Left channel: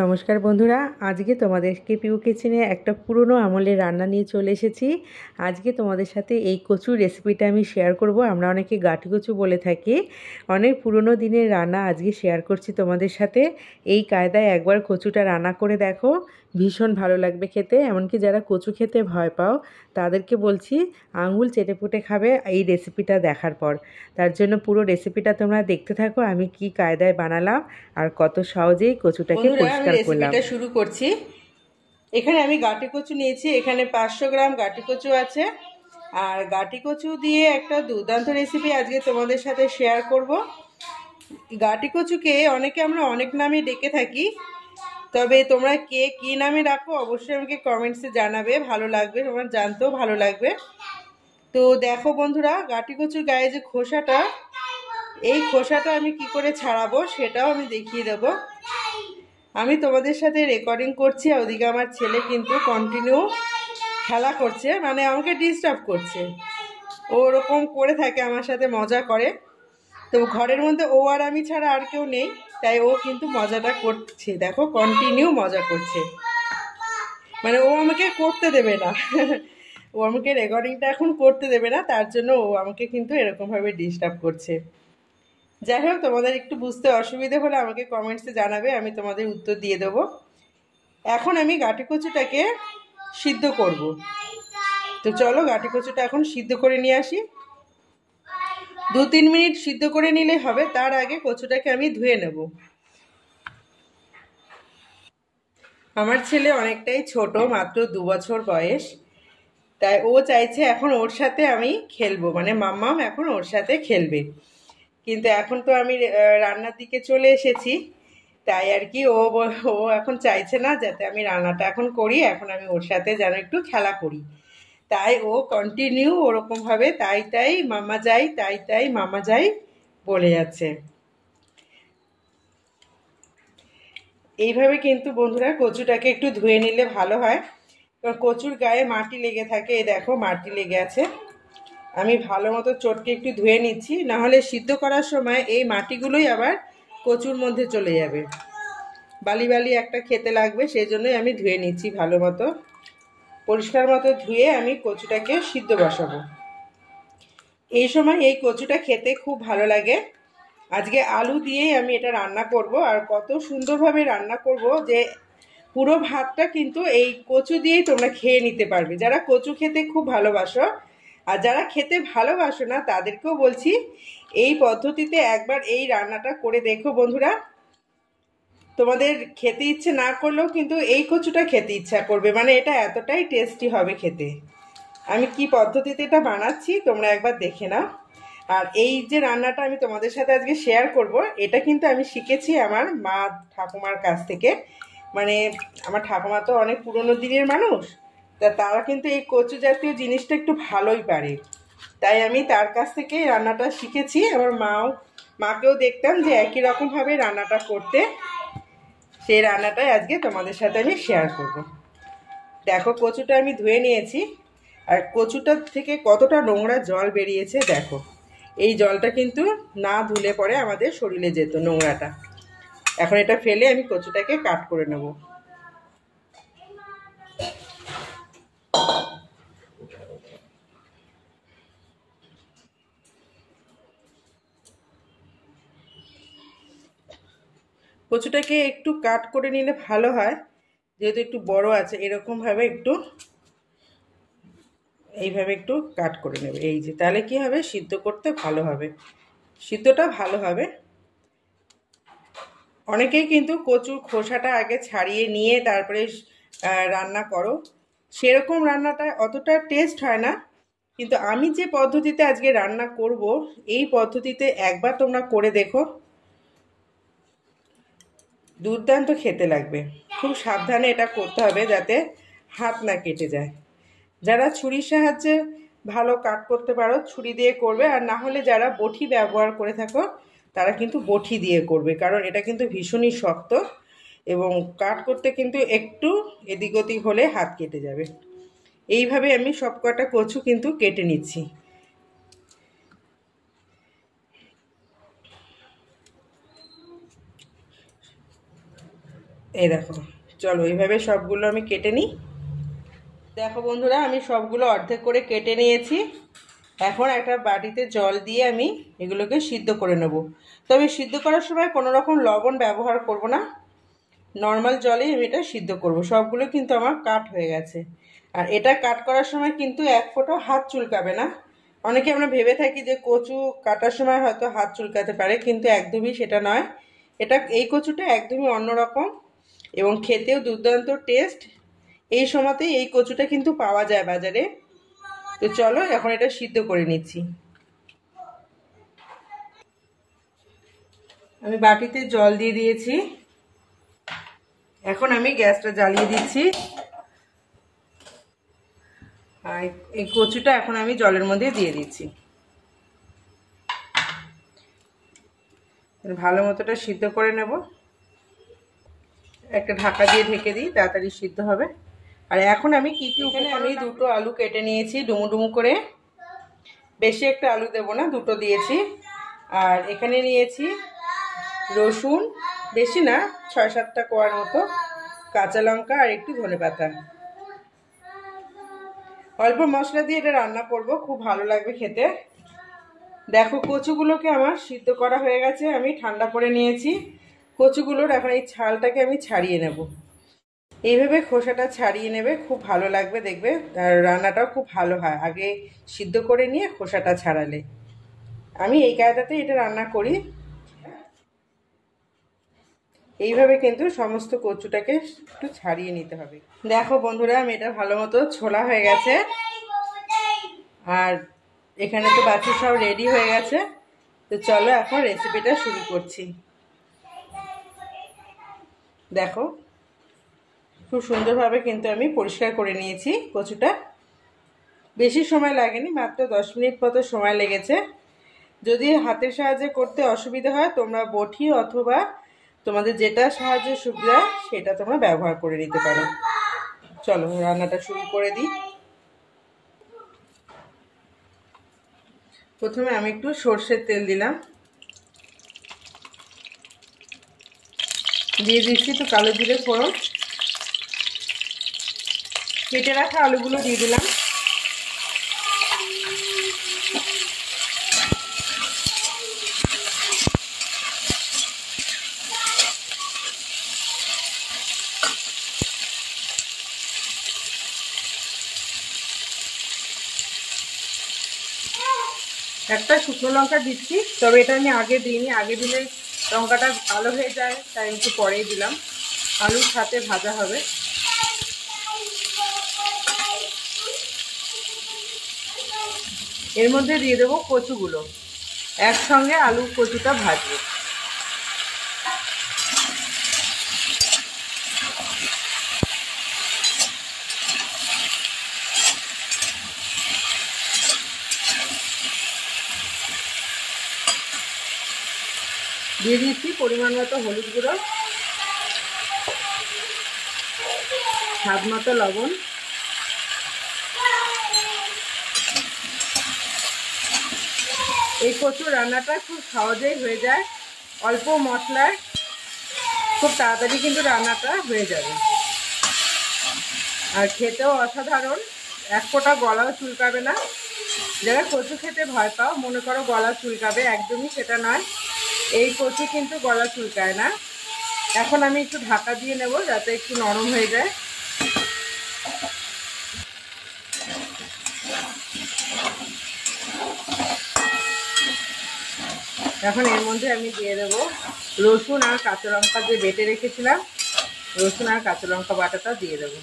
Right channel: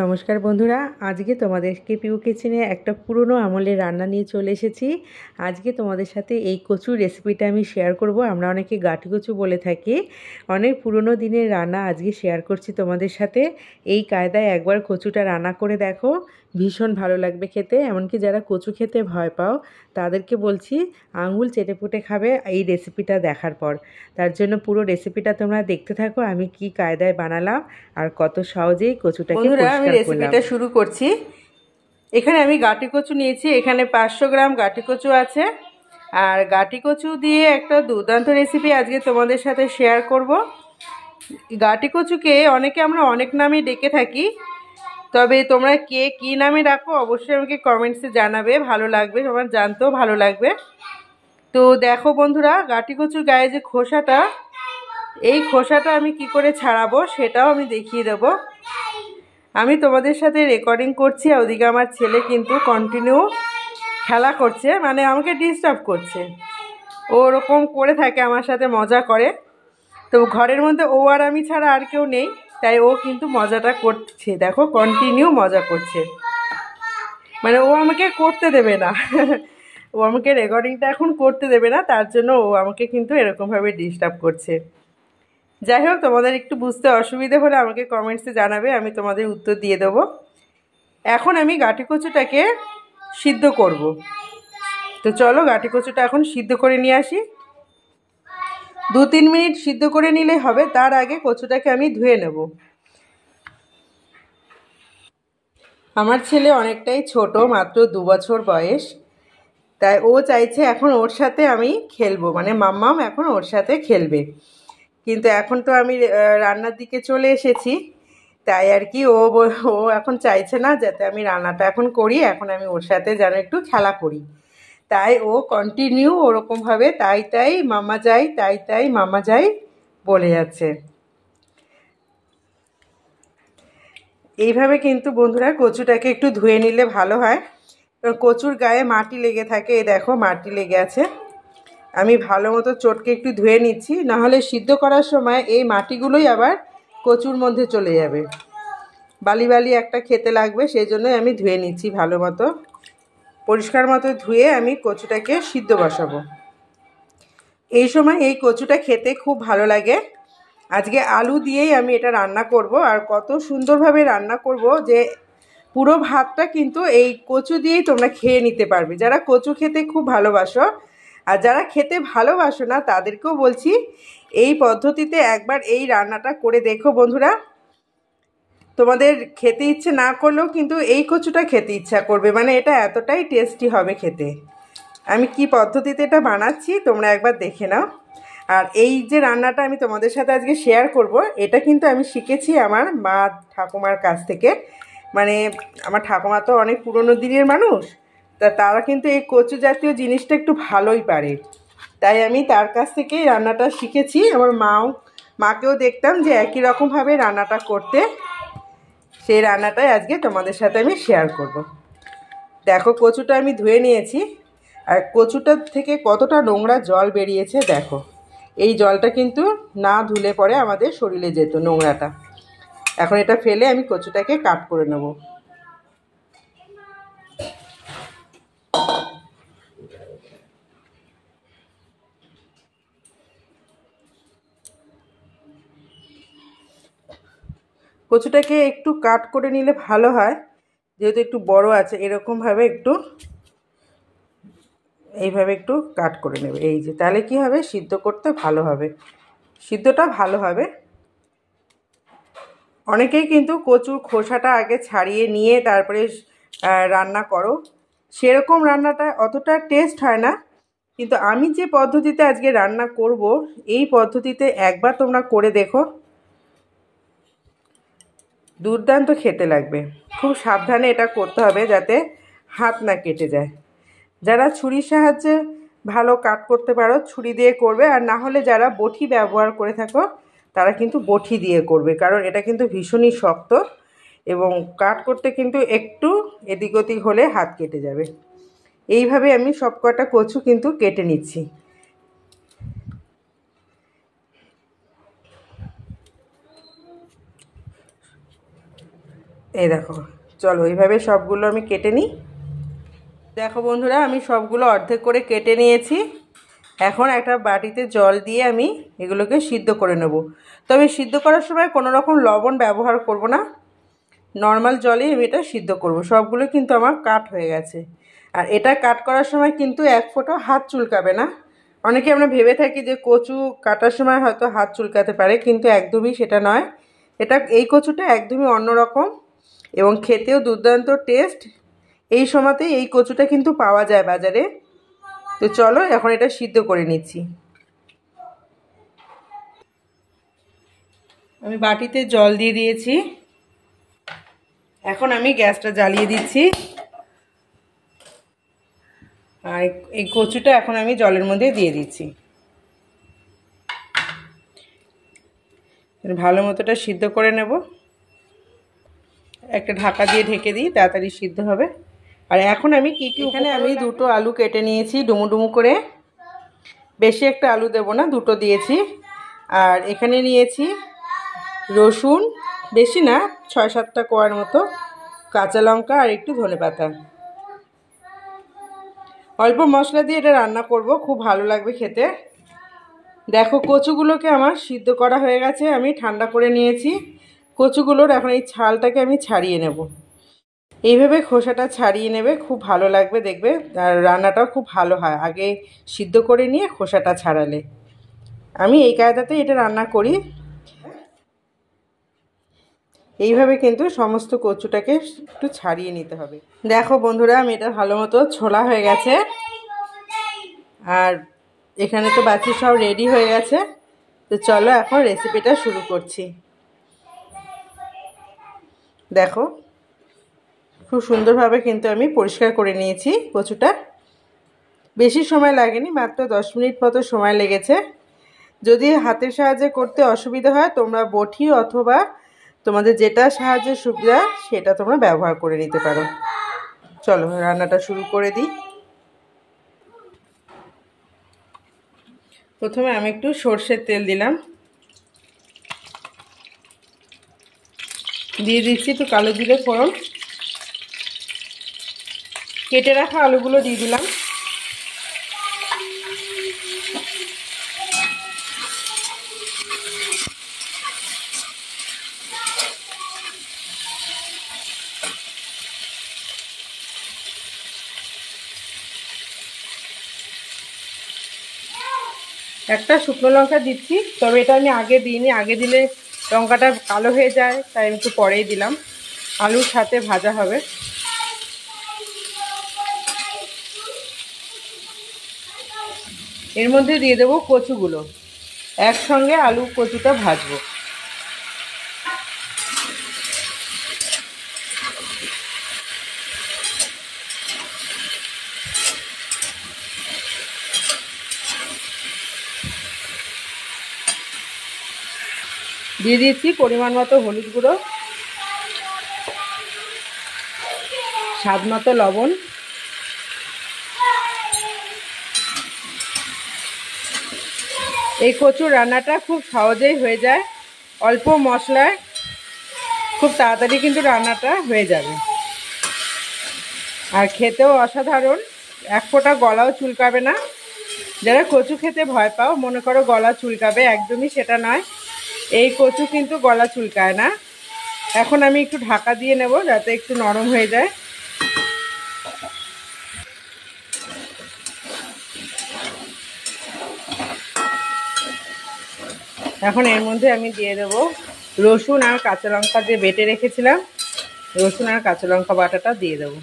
নমস্কার বন্ধুরা, আজকে তোমাদেরকে পিউ কিচেনে একটা পুরনো আমলের রান্না নিয়ে চলে এসেছি। আজকে তোমাদের সাথে এই কচুর রেসিপিটা আমি শেয়ার করব। আমরা অনেকে গাঁটি কচু বলে থাকি। অনেক পুরনো দিনের রান্না আজকে শেয়ার করছি তোমাদের সাথে। এই কায়দায় একবার কচুটা রান্না করে দেখো, ভীষণ ভালো লাগবে খেতে। এমনকি যারা কচু খেতে ভয় পাও তাদেরকে বলছি আঙুল চেটেপুটে খাবে এই রেসিপিটা দেখার পর। তার জন্য পুরো রেসিপিটা তোমরা দেখতে থাকো, আমি কি কায়দায় বানালাম আর কত সহজেই কচুটাকে পরিষ্কার করলাম। রেসিপিটা শুরু করছি। এখানে আমি গাঁটি কচু নিয়েছি, এখানে 500 গ্রাম গাঁটি কচু আছে। আর গাঁটি কচু দিয়ে একটা দুর্দান্ত রেসিপি আজকে তোমাদের সাথে শেয়ার করব। গাঁটি কচুকে অনেকে আমরা অনেক নামে ডেকে থাকি, তবে তোমরা কে কী নামে ডাকো অবশ্যই আমাকে কমেন্টসে জানাবে, ভালো লাগবে, তোমার জানতেও ভালো লাগবে। তো দেখো বন্ধুরা, গাঁটি কচুর গায়ে যে খোসাটা, এই খোসাটা আমি কি করে ছাড়াবো সেটাও আমি দেখিয়ে দেবো। আমি তোমাদের সাথে রেকর্ডিং করছি, ওদিকে আমার ছেলে কিন্তু কন্টিনিউ খেলা করছে, মানে আমাকে ডিস্টার্ব করছে। ও ওরকম করে থাকে, আমার সাথে মজা করে। তো ঘরের মধ্যে ও আর আমি ছাড়া আর কেউ নেই, তাই ও কিন্তু মজাটা করছে। দেখো, কন্টিনিউ মজা করছে, মানে ও আমাকে করতে দেবে না ও আমাকে রেকর্ডিংটা এখন করতে দেবে না, তার জন্য ও আমাকে কিন্তু এরকমভাবে ডিস্টার্ব করছে। যাই হোক, তোমাদের একটু বুঝতে অসুবিধে হলে আমাকে কমেন্টসে জানাবে, আমি তোমাদের উত্তর দিয়ে দেবো। এখন আমি গাঁটি কচুটাকে সিদ্ধ করব। তো চলো গাঁটি কচুটা এখন সিদ্ধ করে নিয়ে আসি। 2-3 মিনিট সিদ্ধ করে নিলেই হবে। তার আগে কচুটাকে আমি ধুয়ে নেব। আমার ছেলে অনেকটাই ছোট, মাত্র 2 বছর বয়স, তাই ও চাইছে এখন ওর সাথে আমি খেলবো, মানে মাম্মাম এখন ওর সাথে খেলবে। কিন্তু এখন তো আমি রান্নার দিকে চলে এসেছি, তাই আর কি ও এখন চাইছে না যাতে আমি রান্নাটা এখন করি, এখন আমি ওর সাথে যেন একটু খেলা করি। তাই ও কন্টিনিউ ওরকমভাবে তাই তাই মামা যাই, তাই তাই মামা যাই বলে যাচ্ছে। এইভাবে কিন্তু বন্ধুরা কচুটাকে একটু ধুয়ে নিলে ভালো হয়। কচুর গায়ে মাটি লেগে থাকে, এই দেখো মাটি লেগে আছে। আমি ভালো মতো চটকে একটু ধুয়ে নিচ্ছি, নাহলে সিদ্ধ করার সময় এই মাটিগুলোই আবার কচুর মধ্যে চলে যাবে, বালি বালি একটা খেতে লাগবে। সেই জন্যই আমি ধুয়ে নিচ্ছি ভালো মতো, পরিষ্কার মতো ধুয়ে আমি কচুটাকে সিদ্ধ বসাবো। এই সময় এই কচুটা খেতে খুব ভালো লাগে। আজকে আলু দিয়েই আমি এটা রান্না করব, আর কত সুন্দরভাবে রান্না করব যে পুরো ভাতটা কিন্তু এই কচু দিয়েই তোমরা খেয়ে নিতে পারবে, যারা কচু খেতে খুব ভালোবাসো। আর যারা খেতে ভালোবাসো না তাদেরকেও বলছি এই পদ্ধতিতে একবার এই রান্নাটা করে দেখো বন্ধুরা। তোমাদের খেতে ইচ্ছে না করলেও কিন্তু এই কচুটা খেতে ইচ্ছা করবে, মানে এটা এতটাই টেস্টি হবে খেতে। আমি কি পদ্ধতিতে এটা বানাচ্ছি তোমরা একবার দেখে নাও। আর এই যে রান্নাটা আমি তোমাদের সাথে আজকে শেয়ার করব, এটা কিন্তু আমি শিখেছি আমার মা ঠাকুমার কাছ থেকে। মানে আমার ঠাকুমা তো অনেক পুরনো দিনের মানুষ, তা তারা কিন্তু এই কচু জাতীয় জিনিসটা একটু ভালোই পারে, তাই আমি তার কাছ থেকেই রান্নাটা শিখেছি। আমার মাকেও দেখতাম যে একই রকমভাবে রান্নাটা করতে, সেই রান্নাটাই আজকে তোমাদের সাথে আমি শেয়ার করব। দেখো, কচুটা আমি ধুয়ে নিয়েছি, আর কচুটার থেকে কতটা নোংরা জল বেরিয়েছে দেখো। এই জলটা কিন্তু না ধুলে পরে আমাদের শরীরে যেত নোংরাটা। এখন এটা ফেলে আমি কচুটাকে কাট করে নেব। কচুটাকে একটু কাট করে নিলে ভালো হয়, যেহেতু একটু বড় আছে। এরকমভাবে একটু এইভাবে একটু কাট করে নেবে, এই যে, তাহলে কি হবে, সিদ্ধ করতে ভালো হবে, সিদ্ধটা ভালো হবে। অনেকেই কিন্তু কচুর খোসাটা আগে ছাড়িয়ে নিয়ে তারপরে রান্না করো, সেরকম রান্নাটা অতটা টেস্ট হয় না। কিন্তু আমি যে পদ্ধতিতে আজকে রান্না করব, এই পদ্ধতিতে একবার তোমরা করে দেখো, দুর্দান্ত খেতে লাগবে। খুব সাবধানে এটা করতে হবে যাতে হাত না কেটে যায়। যারা ছুরির সাহায্যে ভালো কাট করতে পারো ছুরি দিয়ে করবে, আর না হলে যারা বটি ব্যবহার করে থাকো তারা কিন্তু বটি দিয়ে করবে, কারণ এটা কিন্তু ভীষণই শক্ত এবং কাট করতে কিন্তু একটু এদিক ওদিক হলে হাত কেটে যাবে। এইভাবে আমি সব কটা কচু কিন্তু কেটে নিচ্ছি। এই দেখো, চলো এইভাবে সবগুলো আমি কেটে নিই। দেখো বন্ধুরা, আমি সবগুলো অর্ধেক করে কেটে নিয়েছি। এখন একটা বাটিতে জল দিয়ে আমি এগুলোকে সিদ্ধ করে নেব। তবে সিদ্ধ করার সময় কোনো রকম লবণ ব্যবহার করব না, নর্মাল জলেই আমি এটা সিদ্ধ করব। সবগুলো কিন্তু আমার কাট হয়ে গেছে। আর এটা কাট করার সময় কিন্তু এক ফোঁটা হাত চুলকাবে না। অনেকে আমরা ভেবে থাকি যে কচু কাটার সময় হয়তো হাত চুলকাতে পারে, কিন্তু একদমই সেটা নয়। এই কচুটা একদমই অন্যরকম এবং খেতেও দুর্দান্ত টেস্ট। এই সময়তেই এই কচুটা কিন্তু পাওয়া যায় বাজারে। তো চলো এখন এটা সিদ্ধ করে নিচ্ছি। আমি বাটিতে জল দিয়ে দিয়েছি। এখন আমি গ্যাসটা জ্বালিয়ে দিচ্ছি। আর এই কচুটা এখন আমি জলের মধ্যে দিয়ে দিচ্ছি। ভালো মতোটা সিদ্ধ করে নেব। একটা ঢাকা দিয়ে ঢেকে দিই, তাড়াতাড়ি সিদ্ধ হবে। আর এখন আমি কি এখানে আমি দুটো আলু কেটে নিয়েছি ডুমু ডুমু করে। বেশি একটা আলু দেব না, দুটো দিয়েছি। আর এখানে নিয়েছি রসুন, বেশি না, 6-7টা কোয়ার মতো, কাঁচা লঙ্কা আর একটু ধনেপাতা। অল্প মশলা দিয়ে এটা রান্না করব, খুব ভালো লাগবে খেতে। দেখো কচুগুলোকে আমার সিদ্ধ করা হয়ে গেছে, আমি ঠান্ডা করে নিয়েছি। কচুগুলোর এখন এই ছালটাকে আমি ছাড়িয়ে নেব। এইভাবে খোসাটা ছাড়িয়ে নেবে, খুব ভালো লাগবে দেখবে। আর রান্নাটাও খুব ভালো হয় আগে সিদ্ধ করে নিয়ে খোসাটা ছাড়ালে। আমি এই কায়দাতেই এটা রান্না করি। এইভাবে কিন্তু সমস্ত কচুটাকে একটু ছাড়িয়ে নিতে হবে। দেখো বন্ধুরা, আমি এটা ভালো মতো ছোলা হয়ে গেছে। আর এখানে তো বাকি সব রেডি হয়ে গেছে। তো চলো এখন রেসিপিটা শুরু করছি। দেখো খুব সুন্দরভাবে কিন্তু আমি পরিষ্কার করে নিয়েছি কচুটা। বেশি সময় লাগেনি, মাত্র 10 মিনিট মতো সময় লেগেছে। যদি হাতের সাহায্যে করতে অসুবিধা হয় তোমরা বটি অথবা তোমাদের যেটা সাহায্যে সুবিধা সেটা তোমরা ব্যবহার করে নিতে পারো। চলো রান্নাটা শুরু করে দিই। প্রথমে আমি একটু সর্ষের তেল দিলাম, দিয়ে দিচ্ছি একটু কালো জিরে ফোড়ন, কেটে রাখা আলুগুলো দিয়ে দিলাম। একটা শুকনো লঙ্কা দিচ্ছি, তবে এটা আমি আগে দিইনি, আগে দিলে লঙ্কাটা কালো হয়ে যায়, তাই একটু পরেই দিলাম। আলুর সাথে ভাজা হবে। এর মধ্যে দিয়ে দেবো কচুগুলো, একসঙ্গে আলু কচুটা ভাজবো। দিয়ে দিয়েছি পরিমাণ মতো হলুদ গুঁড়ো, স্বাদ মতো লবণ, এই কচুর রান্নাটা খুব সহজেই হয়ে যায়, অল্প মশলায় খুব তাড়াতাড়ি কিন্তু রান্নাটা হয়ে যাবে। আর খেতেও অসাধারণ, এক ফোঁটা গলাও চুলকাবে না। যারা কচু খেতে ভয় পাও, মনে করো গলা চুলকাবে, একদমই সেটা নয়। এই কচু কিন্তু গলা চুলকায় না। এখন আমি একটু ঢাকা দিয়ে নেব যাতে একটু নরম হয়ে যায়। এখন এর মধ্যে আমি দিয়ে দেবো রসুন আর কাঁচা লঙ্কা দিয়ে বেটে রেখেছিলাম, রসুন আর কাঁচা লঙ্কা বাটাটা দিয়ে দেবো।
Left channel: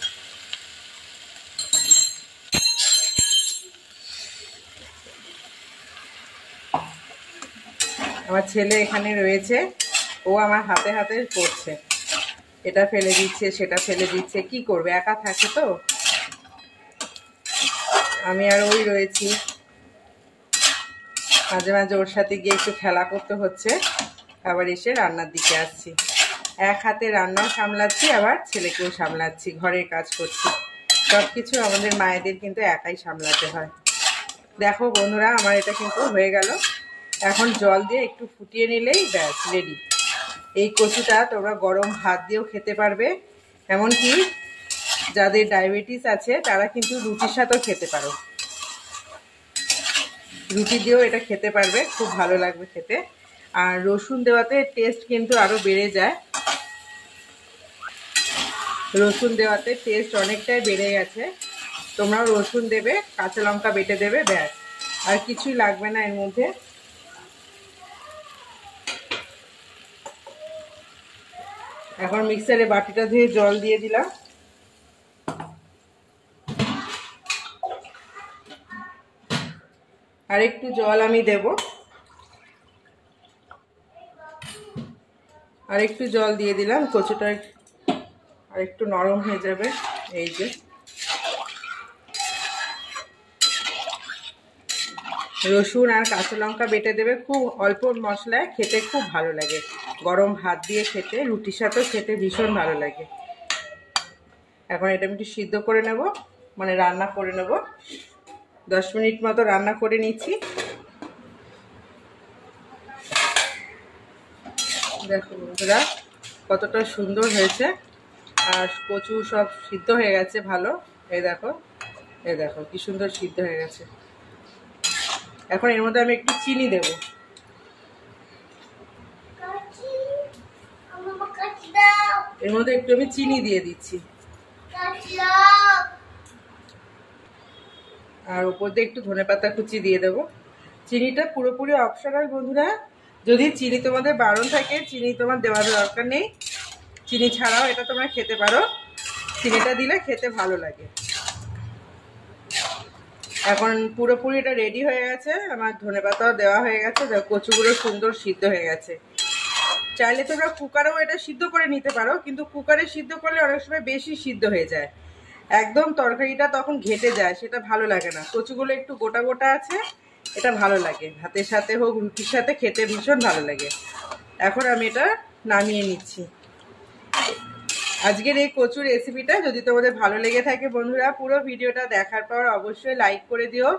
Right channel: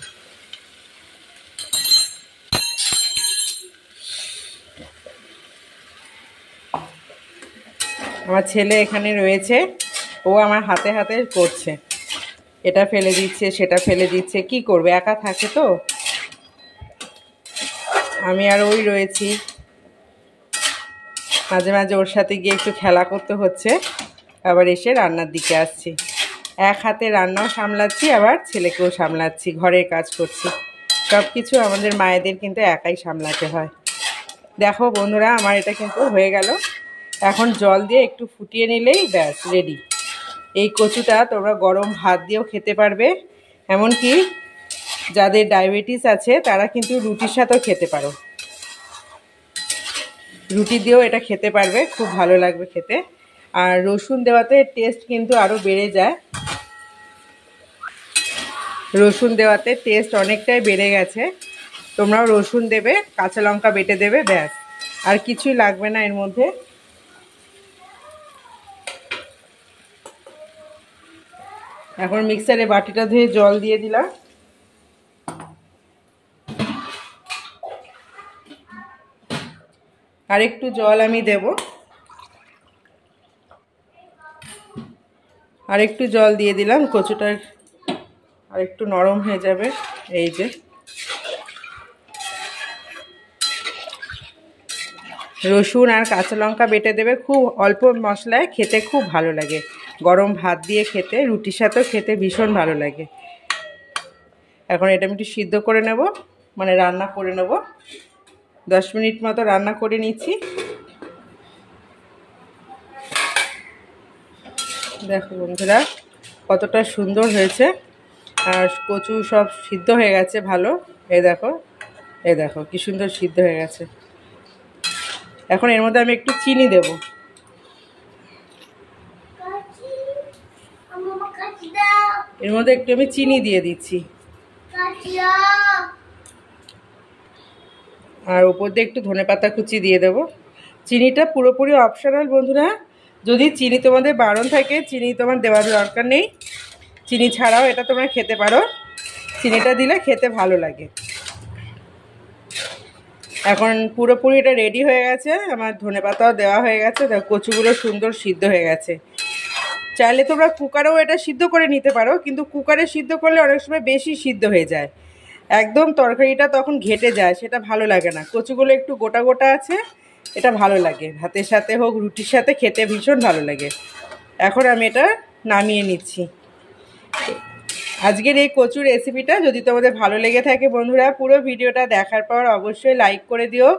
আমার ছেলে এখানে রয়েছে, ও আমার হাতে হাতে করছে, এটা ফেলে দিচ্ছে সেটা ফেলে দিচ্ছে, কি করবে, একা থাকে তো। আমি আর ওই রয়েছি, মাঝে মাঝে ওর সাথে গিয়ে একটু খেলা করতে হচ্ছে। আবার এসে রান্নার দিকে আসছি, এক হাতে রান্নাও সামলাচ্ছি, আবার ছেলেকেও সামলাচ্ছি, ঘরের কাজ করছি। সব কিছু আমাদের মায়েদের কিন্তু একাই সামলাতে হয়। দেখো বন্ধুরা, আমার এটা কিন্তু হয়ে গেল। এখন জল দিয়ে একটু ফুটিয়ে নিলেই ব্যাস রেডি। এই কচুটা তোমরা গরম ভাত দিয়েও খেতে পারবে, এমনকি যাদের ডায়াবেটিস আছে তারা কিন্তু রুটির সাথেও খেতে পারো। রুটি দিয়েও এটা খেতে পারবে, খুব ভালো লাগবে খেতে। আর রসুন দেওয়াতে টেস্ট কিন্তু আরও বেড়ে যায়। রসুন দেওয়াতে টেস্ট অনেকটাই বেড়ে গেছে। তোমরাও রসুন দেবে, কাঁচা লঙ্কা বেটে দেবে, ব্যাস, আর কিছুই লাগবে না এর মধ্যে। এখন মিক্সারে বাটিটা ধুয়ে জল দিয়ে দিলাম। আর একটু জল আমি দেব, আর একটু জল দিয়ে দিলাম। কচুটা আর একটু নরম হয়ে যাবে। এই যে রসুন আর কাঁচা লঙ্কা বেটে দেবে, খুব অল্প মশলায় খেতে খুব ভালো লাগে। গরম ভাত দিয়ে খেতে, রুটির সাথেও খেতে ভীষণ ভালো লাগে। এখন এটা আমি একটু সিদ্ধ করে নেব, মানে রান্না করে নেব। 10 মিনিট মতো রান্না করে নিচ্ছি। দেখো বন্ধুরা কতটা সুন্দর হয়েছে, আর কচু সব সিদ্ধ হয়ে গেছে ভালো। এই দেখো, এই দেখো কি সুন্দর সিদ্ধ হয়ে গেছে। এখন এর মধ্যে আমি একটু চিনি দেব। এর মধ্যে একটু আমি চিনি দিয়ে দিচ্ছি, আর উপর দিয়ে একটু ধনেপাতা কুচি দিয়ে দেব। চিনিটা পুরোপুরি অপশনাল বন্ধুরা, যদি চিনি তোমাদের বারণ থাকে চিনি তোমার দেওয়ার দরকার নেই। চিনি ছাড়াও এটা তোমরা খেতে পারো, চিনিটা দিলে খেতে ভালো লাগে। এখন পুরোপুরি এটা রেডি হয়ে গেছে, আমার ধনেপাতাও দেওয়া হয়ে গেছে। দেখো কচুগুলো সুন্দর সিদ্ধ হয়ে গেছে। চাইলে তোমরা কুকারেও এটা সিদ্ধ করে নিতে পারো, কিন্তু কুকারে সিদ্ধ করলে অনেক সময় বেশি সিদ্ধ হয়ে যায়, একদম তরকারিটা তখন ঘেটে যায়, সেটা ভালো লাগে না। কচুগুলো একটু গোটা গোটা আছে, এটা ভালো লাগে, ভাতের সাথে হোক রুটির সাথে খেতে ভীষণ ভালো লাগে। এখন আমি এটা নামিয়ে নিচ্ছি। আজকের এই কচুর রেসিপিটা যদি তোমাদের ভালো লেগে থাকে বন্ধুরা, পুরো ভিডিওটা দেখার পর অবশ্যই লাইক করে দিও,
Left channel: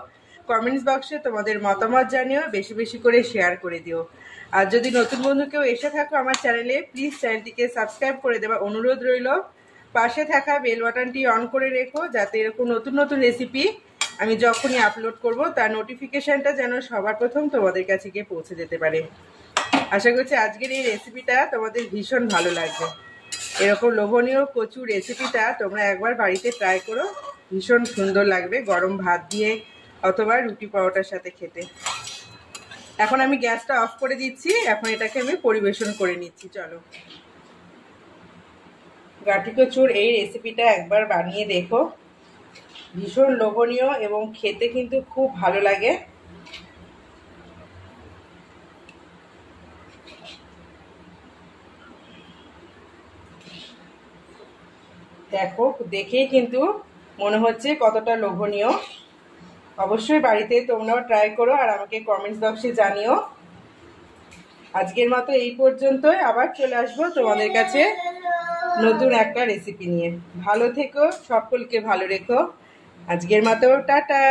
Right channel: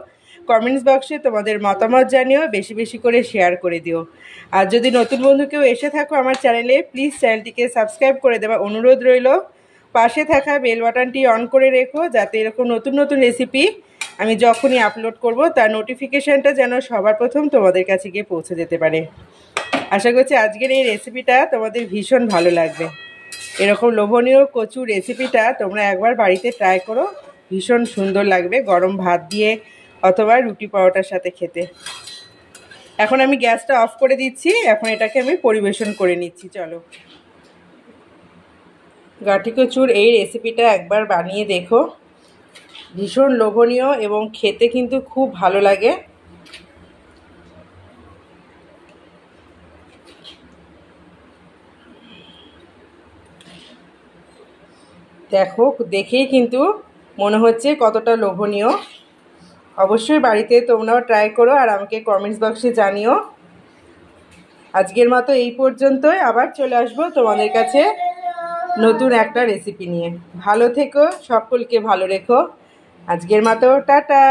কমেন্টস বক্সে তোমাদের মতামত জানিও, বেশি বেশি করে শেয়ার করে দিও। আর যদি নতুন বন্ধু কেউ এসে থাকো আমার চ্যানেলে, প্লিজ চ্যানেলটিকে সাবস্ক্রাইব করে দেওয়া অনুরোধ রইল। পাশে থাকা বেল বাটনটি অন করে রেখো, যাতে এরকম নতুন নতুন রেসিপি আমি যখনই আপলোড করব তার নোটিফিকেশানটা যেন সবার প্রথম তোমাদের কাছে গিয়ে পৌঁছে যেতে পারে। আশা করছি আজকের এই রেসিপিটা তোমাদের ভীষণ ভালো লাগবে। এরকম লোভনীয় কচুর রেসিপিটা তোমরা একবার বাড়িতে ট্রাই করো, ভীষণ সুন্দর লাগবে গরম ভাত দিয়ে অথবা রুটি পরোটার সাথে খেতে। এখন আমি গ্যাসটা অফ করে দিচ্ছি, এখন এটাকে আমি পরিবেশন করে নিচ্ছি। চলো, গাঠি কচুর এই রেসিপিটা একবার বানিয়ে দেখো, ভীষণ লোভনীয় এবং খেতে কিন্তু খুব ভালো লাগে। দেখো, দেখেই কিন্তু মনে হচ্ছে কতটা লোভনীয়। অবশ্যই বাড়িতে তোমরাও ট্রাই করো আর আমাকে কমেন্টস বক্সে জানিও। আজকের মতো এই পর্যন্তই, আবার চলে আসবো তোমাদের কাছে নতুন একটা রেসিপি নিয়ে। ভালো থেকো, সকলকে ভালো রেখো। আজকের মতো টাটা।